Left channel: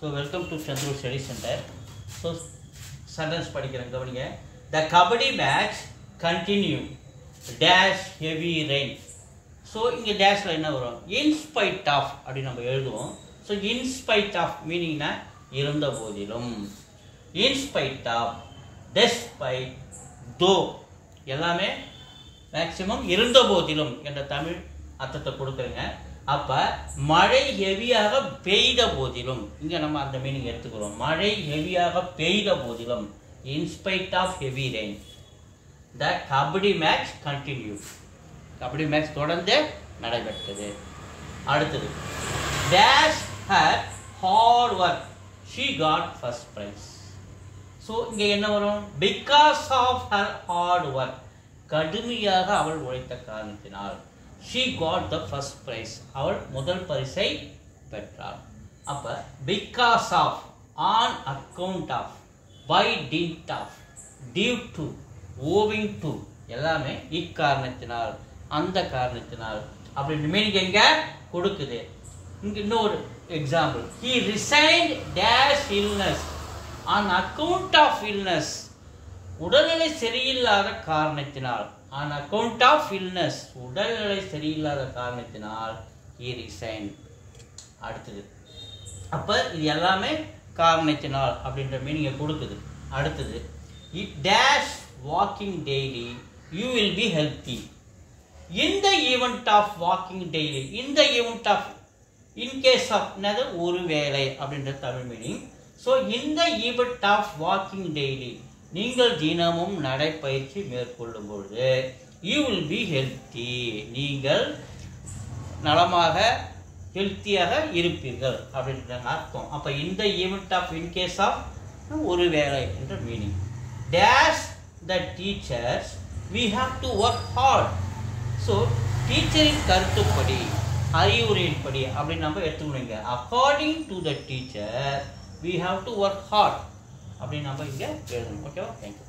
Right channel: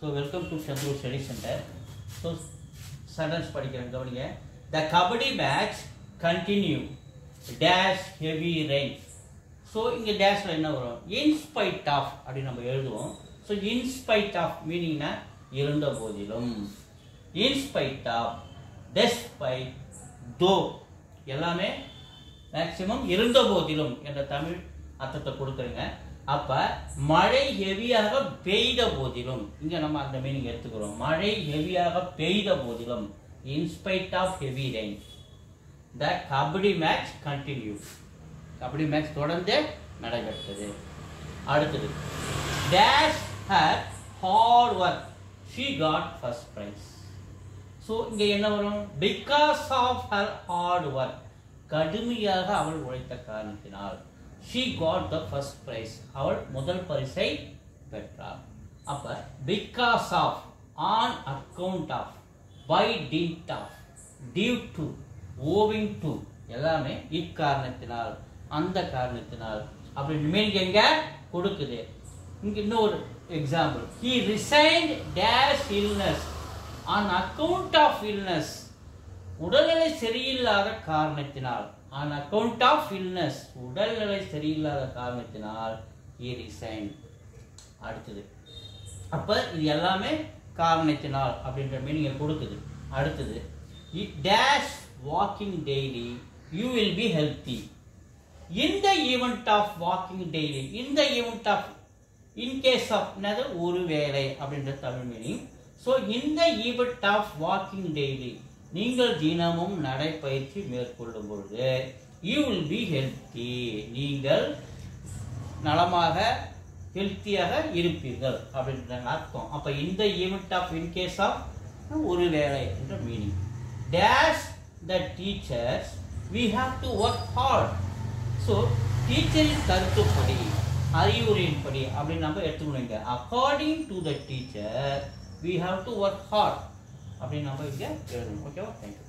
So welcome to Chandru Study Center. So sentence படிக்கிறேன் கவனிங்க. The kabaddi match continue. Dash heavy rain. So இங்க டேஷ்ல என்ன வரும்? In spite of அப்படி நம்ம எழுதுவோம். So in spite of meaningனா இருந்த போதிலும். In spite of, despite, though எல்லாமே மேக்ஸிமம் இருந்த போதிலும் என்ற தமிழ் அர்த்தத்தை கொடுக்குறேங்க. அப்ப மழை ஹெவியாக பெய்த போதிலும் இங்க நம்ம அந்த மீனிங் எடுத்துக்கிறோம். மழை ஹெவியாக பெய்த போதிலும் in spite of heavy rain the kabaddi match continued. Kabaddi match தொடர்ந்து நடைபெற்றது. அடுத்தது dash had hard work she got first prize. So இங்க என்ன வரும்? because of her hard work கடுமையாக அவள் உழைத்த காரணத்தினால் she got the first prize அவள் முதல் பரிசை பெற்றாள். அப்ப because of, on account of, by dint of, due to, owing to எல்லாமே இக்காரணத்தினால் அந்த காரணத்தினால் அப்படி மீனிங் எங்க கொடுக்குது. இங்க இன்னொரு example he resigned dash illness on account of illness உடல்நிலை சரியில்லாத காரணத்தினால் on account of illness உடல்நிலை சரியில்லாத காரணத்தினால் he resigned. அடுத்தது அப்ப இது எல்லாமே காரணத்தினால் அப்படின்ற மீனிங்கை கொடுக்குது. அடுத்தது it dash walking daily you will be healthy. in the event of walking daily in the event of in case of another ஒரு வேளை அப்படின்ற Tamil meaning. so in the event of walking daily நீங்கள் தினமும் நடைப்பயிற்சி மேற்கொள்ளும் பொழுது you will be healthy நீங்கள் நலமாக ஹெல்த்தியாக இருப்பீர்கள் அப்படின்ற அர்த்தம். அப்ப இந்த event of in case of ஒரு வேளை என்ற meaning. dash the teachers we have to work hard. So டீச்சரின் கருத்துப்படி அறிவுரையின்படி அப்படின்னு நம்ம எடுத்துக்கணுங்க. According to the teacher we have to work hard அப்படின்னு நம்ம இங்கே எழுதணும். ஓகேவா? தேங்க்யூ.